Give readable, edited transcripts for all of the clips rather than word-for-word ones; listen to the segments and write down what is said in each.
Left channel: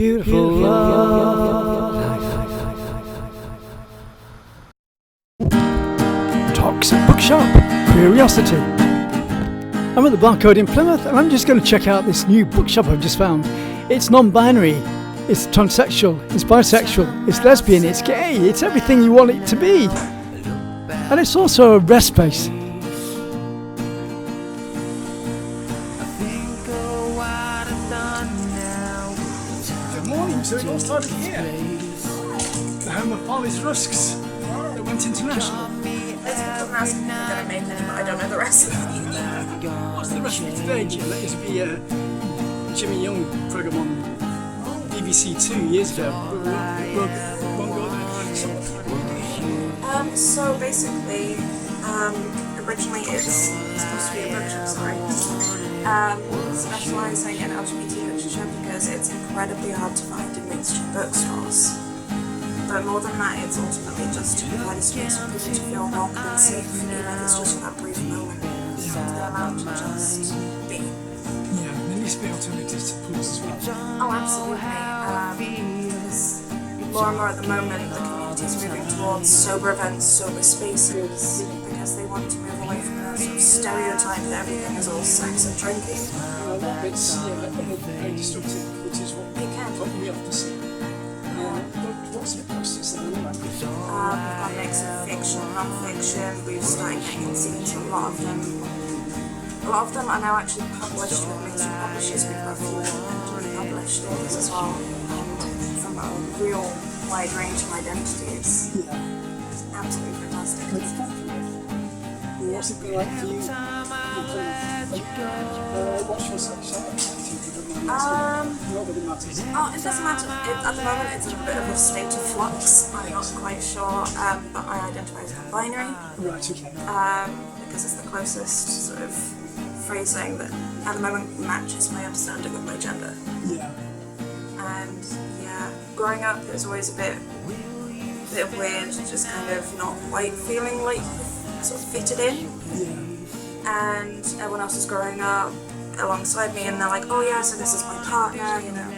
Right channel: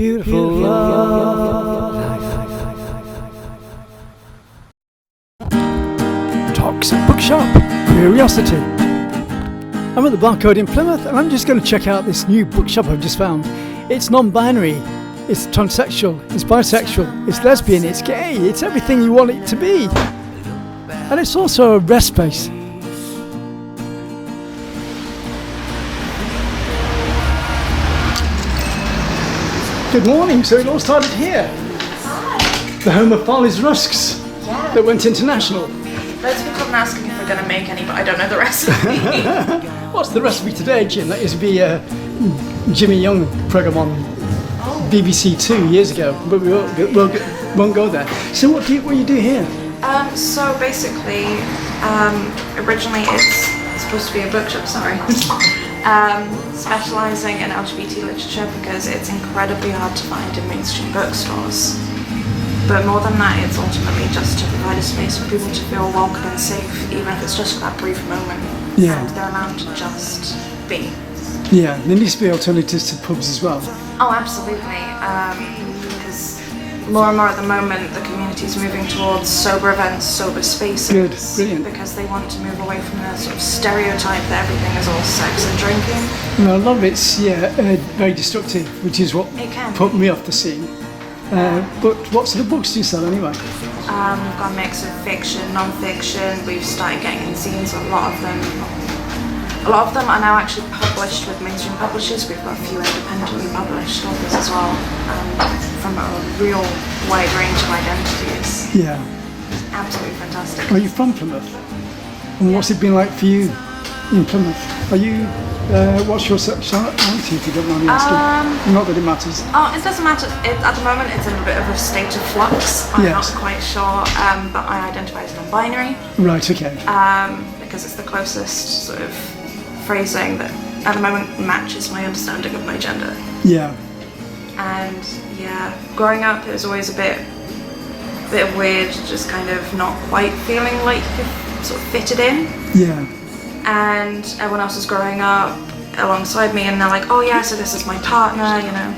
beautiful life. Toqs Bookshop, Curiosity. I'm at the Barcode in Plymouth and I'm just going to check out this new bookshop I've just found. It's non-binary, it's transsexual, it's bisexual, it's lesbian, it's gay, it's everything you want it to be. And it's also a rest space. Good morning, so it all started here. The home of Farley's Rusks that went international. Loads of people have been asking if we're going to make any, but I don't know the recipe. What's the recipe today, Jim? That used to be Jimmy Young programme on BBC 2 years ago, but we won't go there. So what do you do here? So basically, originally it's supposed to be a bookshop, specialising in LGBT literature because it's incredibly hard to find in mainstream bookstores. But more than that, it's ultimately just to provide a space for people to feel welcome and safe, even if it's just for that brief moment. Yeah. And they're allowed to just be. Yeah, there needs to be alternatives to pubs as well. Oh, absolutely. Because more and more at the moment, the community is moving towards sober events, sober spaces. Good, brilliant. Because they want to move away from the sort of stereotype that everything is all sex and drinking. No, a lot of it's very destructive, which is what put me off the scene. But what sort of books do you sell anyway? We've got a mix of fiction, non-fiction. We've started getting in scenes. A lot of them are now actually published with mainstream publishers. We've got a few independently published authors as well, from a real wide range of identities. Yeah. Absolutely fantastic. Are you from Plymouth? And what's it been like for you in Plymouth? Are you, what's your sexuality, if you don't mind me asking? Not that it matters. Oh, it doesn't matter. At the moment, it's in a bit of a state of flux. I'm not quite sure, but I identify as non-binary. Right, okay. Because it's the closest sort of phrasing that, at the moment, matches my understanding of my gender. Yeah. And yeah, growing up, it was always a bit weird, just kind of not quite feeling like you sort of fitted in. Yeah. And everyone else is growing up alongside me and they're like, oh yeah, so this is my partner, you know.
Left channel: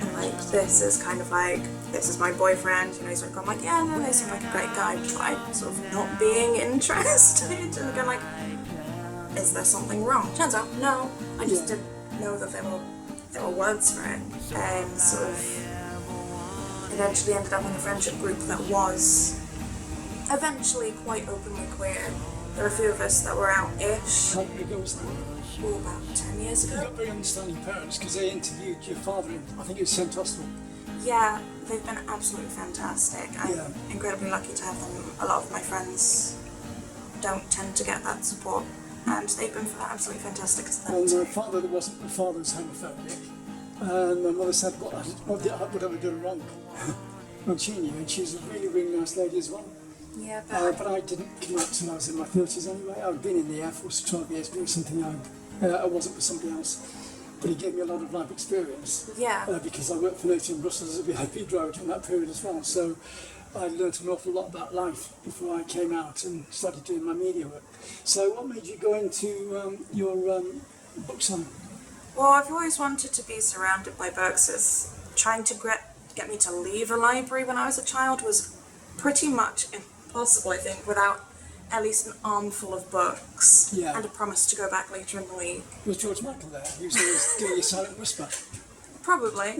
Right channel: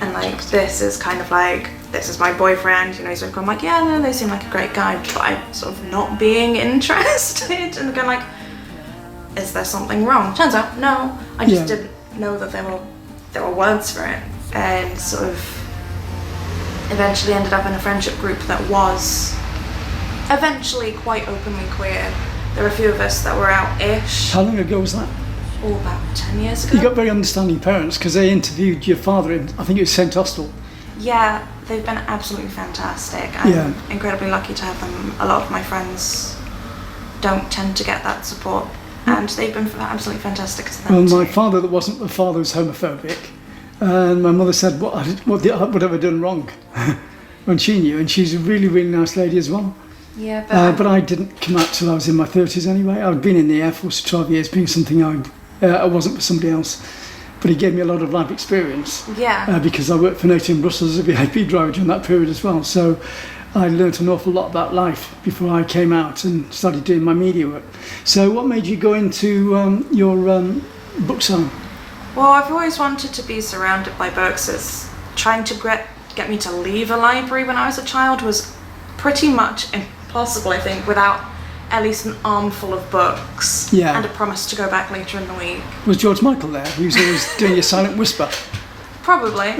And like, this is kind of like, this is my boyfriend, you know, he's like, I'm like, yeah, no, they seem like a great guy, but I'm sort of not being interested. And going like, is there something wrong? Turns out, no, I just didn't know that there were words for it. And sort of eventually ended up in a friendship group that was eventually quite openly queer. There were a few of us that were out-ish. How long ago was that? Oh, about 10 years ago. You got very understanding parents because they interviewed your father in, I think it was St Austell. Yeah, they've been absolutely fantastic. I'm incredibly lucky to have them. A lot of my friends don't tend to get that support, and they've been absolutely fantastic to them. Well, my father that wasn't, my father was homophobic, and my mother said, what would I have done wrong? When she knew, and she's a really, really nice lady as well. Yeah, but I didn't come out till I was in my 30s anyway. I'd been in the Air Force for 12 years, being something I wasn't for somebody else. But it gave me a lot of life experience. Yeah. Because I worked for NATO in Brussels as a VIP driver during that period as well. So I learnt an awful lot about life before I came out and started doing my media work. So what made you go into your book selling? Well, I've always wanted to be surrounded by books. As trying to get me to leave a library when I was a child was pretty much impossible, I think, without at least an armful of books and a promise to go back later in the week. Was George Michael there? He was always doing your silent whisper. Probably.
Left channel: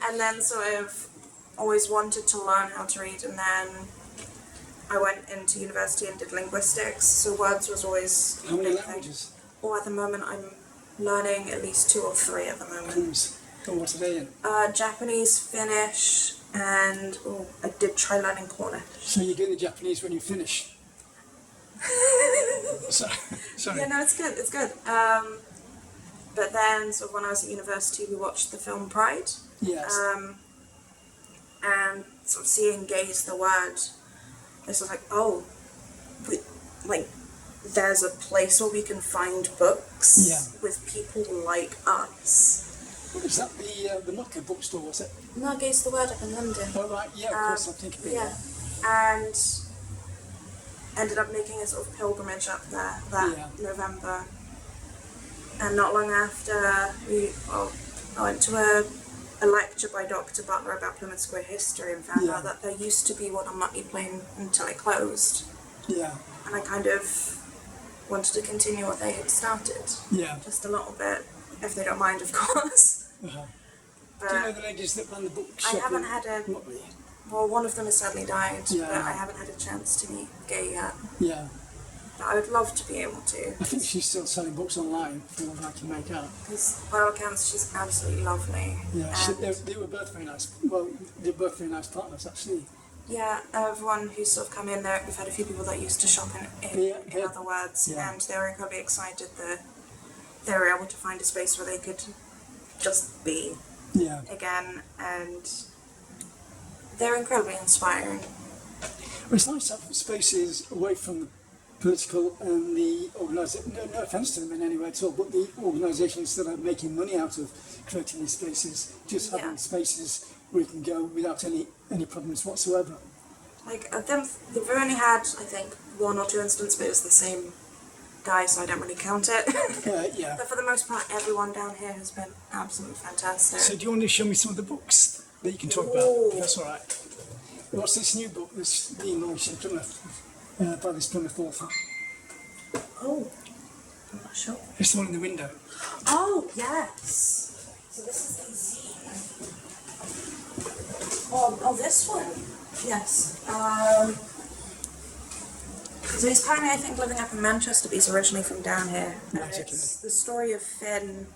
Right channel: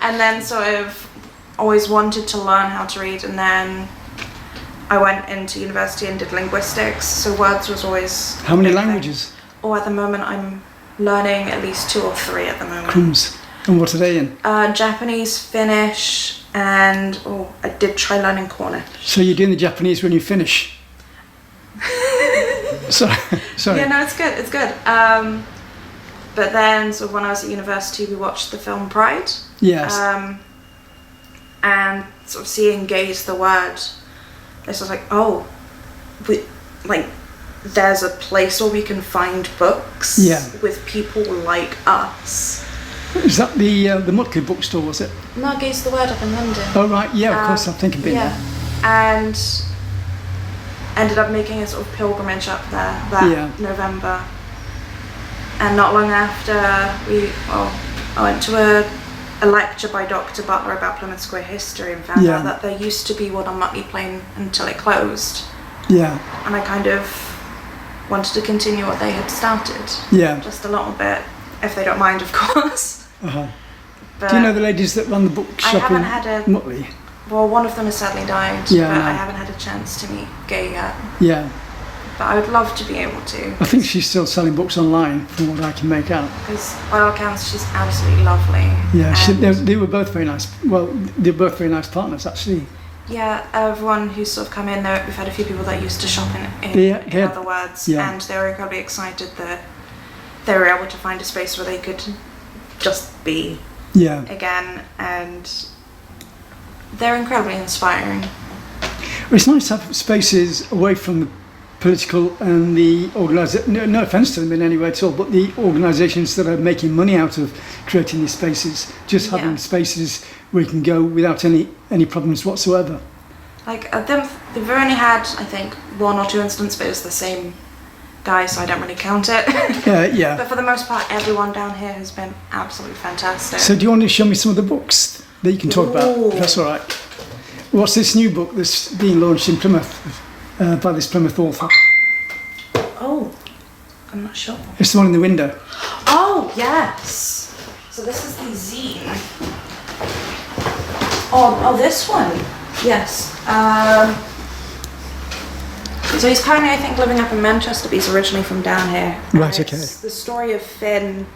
And then sort of always wanted to learn how to read, and then I went into university and did linguistics, so words was always... How many languages? Oh, at the moment I'm learning at least 2 or 3 at the moment. Crumbs. And what are they in? Japanese, Finnish, and I did try learning Cornish. So you're doing the Japanese when you finish? Sorry. Yeah, no, it's good. But then, sort of when I was at university, we watched the film Pride. Yes. And sort of seeing gay is the word, this was like, there's a place where we can find books with people like us. Is that the Mutke bookstore, was it? No, Gay's the Word up in London. Oh right, yeah, of course, I think I've been there. And ended up making a sort of pilgrimage up there that November. And not long after, I went to a lecture by Dr. Butler about Plymouth Square history and found out that there used to be one on Mutley Plain until it closed. Yeah. And I kind of wanted to continue what they had started. Yeah. Just a little bit, if they don't mind, of course. Uh-huh. But do you know the ladies that run the bookshop in Mutley? Well, one of them has sadly died, but I haven't had a chance to meet Gay yet. Yeah. But I would love to be able to. I think she's still selling books online, from what I can make out. Because by all accounts, she's absolutely lovely. Yeah, they were both very nice. Well, they're both very nice partners, actually. Yeah, everyone who's sort of come in there, we've had a few people that used to shop in other words, and they were incredibly excited that they were able to find a space where they could just be again, and they're incredibly inspiring. Well, it's nice to have spaces away from the political and the organisation, no offence to them in any way at all, but the organisations that are making money out of creating these spaces, just having spaces where you can go without any problems whatsoever. Like, they've only had, I think, 1 or 2 incidents, but it's the same guy, so I don't really count it. Yeah. But for the most part, everyone down here has been absolutely fantastic. So do you want to show me some of the books that you can talk about? That's all right. What's this new book that's being launched in Plymouth by this Plymouth author? Oh, I'm not sure. It's the one in the window. Oh, yes. So this is the zine. Oh, this one. Yes. So he's currently, I think, living up in Manchester, but he's originally from down here. Right, okay. It's the story of Finn,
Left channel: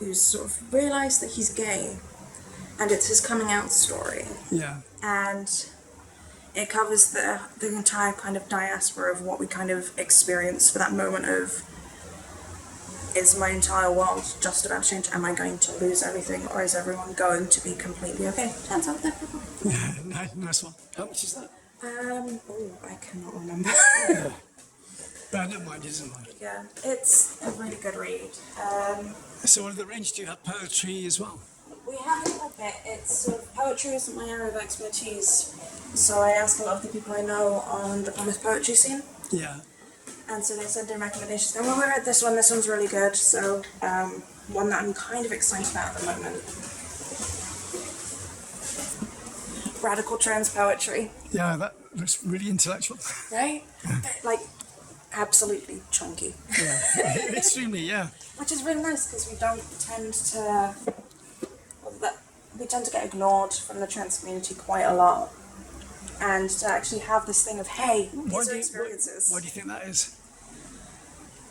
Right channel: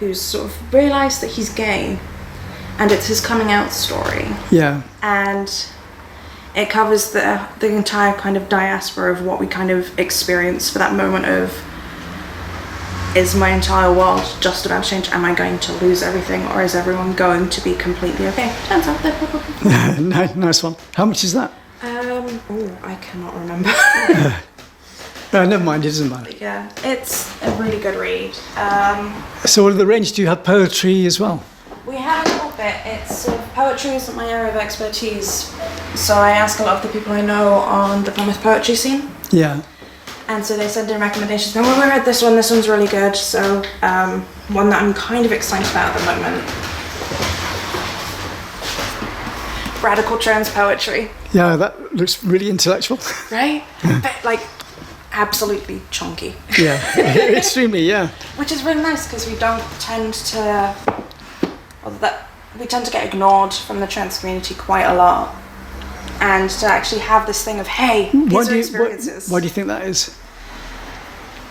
who's sort of realised that he's gay, and it's his coming out story. Yeah. And it covers the entire kind of diaspora of what we kind of experience for that moment of, is my entire world just about to change? Am I going to lose everything, or is everyone going to be completely okay? Turns out they're probably Nice one. How much is that? I cannot remember. Never mind, it doesn't matter. Yeah, it's a really good read. So what are the range? Do you have poetry as well? We have a little bit. It's poetry isn't my area of expertise, so I ask a lot of the people I know on the Plymouth poetry scene. Yeah. And so they send in recommendations. Well, we read this one's really good. So one that I'm kind of excited about at the moment. Radical trans poetry. Yeah, that looks really intellectual. Right? But, like, absolutely chunky. Yeah, extremely, yeah. Which is really nice because we tend to get ignored from the trans community quite a lot. And to actually have this thing of, hey, these are experiences. Why do you think that is?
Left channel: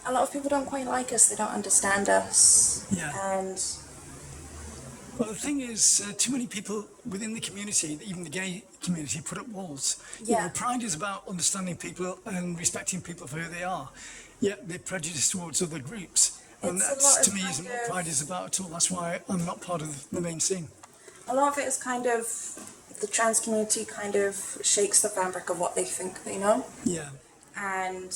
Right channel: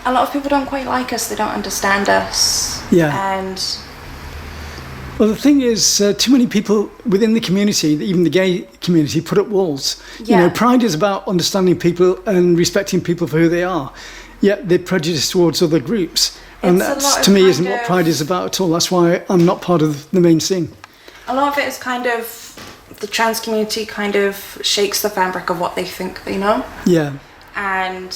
A lot of people don't quite like us, they don't understand us. Yeah. And well, the thing is, too many people within the community, even the gay community, put up walls. Yeah. You know, pride is about understanding people and respecting people for who they are. Yet they're prejudiced towards other groups. And that, to me, isn't what pride is about at all. That's why I'm not part of the main scene. A lot of it is kind of, the trans community kind of shakes the fabric of what they think they know. Yeah. And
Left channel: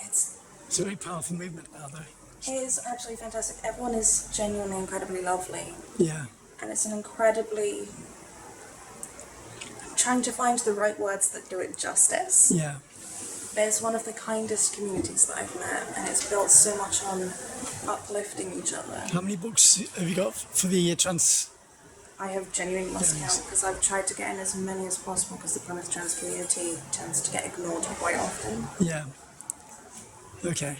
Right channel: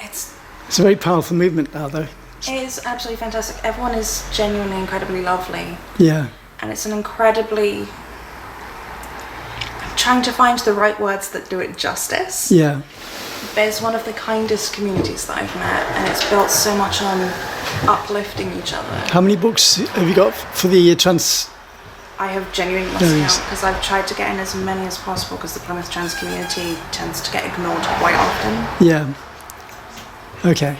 it's a very powerful movement now, though. It is absolutely fantastic. Everyone is genuinely incredibly lovely. Yeah. And it's an incredibly... I'm trying to find the right words that do it justice. Yeah. But it's one of the kindest communities that I've met, and it's built so much on uplifting each other. How many books have you got for the trans... I have genuinely lost count because I've tried to get in as many as possible because the Plymouth trans community tends to get ignored quite often. Yeah. Okay.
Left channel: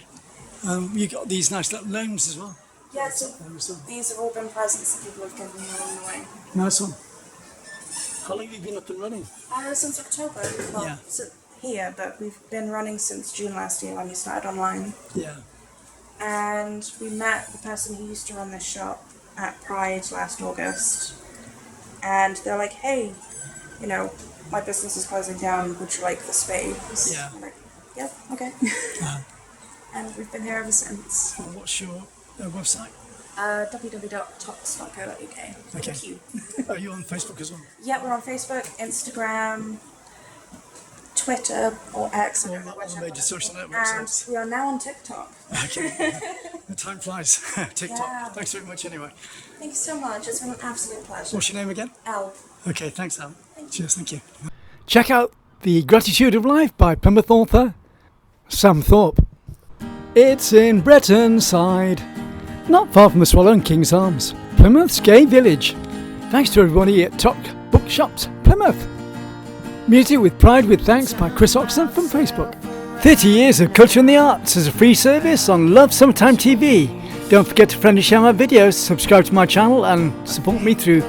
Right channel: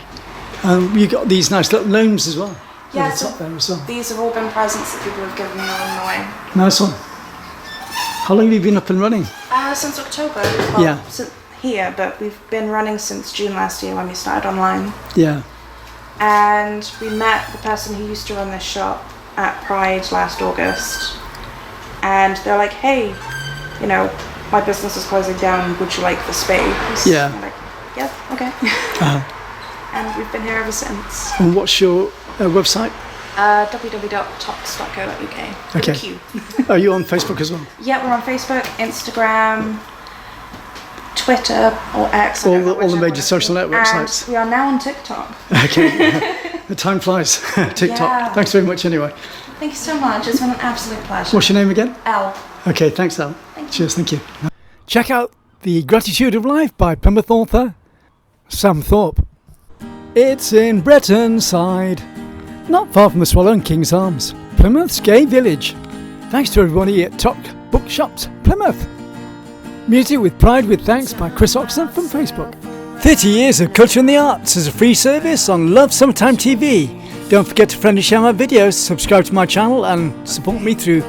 You got these nice little gnomes as well. Yeah, so these have all been presents that people have given me along the way. Nice one. How long have you been up and running? Since October. Well, here, but we've been running since June last year when we started online. Yeah. And we met the person who used to run this shop at Pride last August. And they're like, hey, you know, my business is closing down, would you like the space? Yeah. And I'm like, yeah, okay. Uh-huh. And we've been here ever since. And what's your website? www.toqs.co.uk. Okay. Q. Are you on Facebook as well? Yeah, we're on Facebook, Instagram, Twitter, or X. All the major social network sites. And we are now on TikTok. Okay. The time flies. TikTok. Yeah. Thanks very much anyway. Thank you so much. It's been an absolute pleasure. What's your name again? Elle. Okay, thanks, Elle. Cheers, thank you. Check out The Gratitude of Life by Plymouth author Sam Thorpe. It's in Brettonside, not far from the Swallow and King's Arms, Plymouth's gay village. Thanks to everybody at Toqs Bookshops, Plymouth. Music with Pride with thanks by Chris Oxon from Facebook. 30 years of culture and the arts as a free service on Love Summertime TV. Don't forget to friend and share my videos, subscribe to my channel and support me through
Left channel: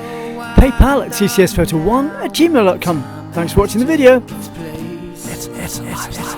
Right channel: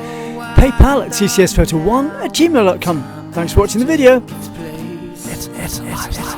PayPal at ccsphoto1@gmail.com. Thanks for watching the video. It's live.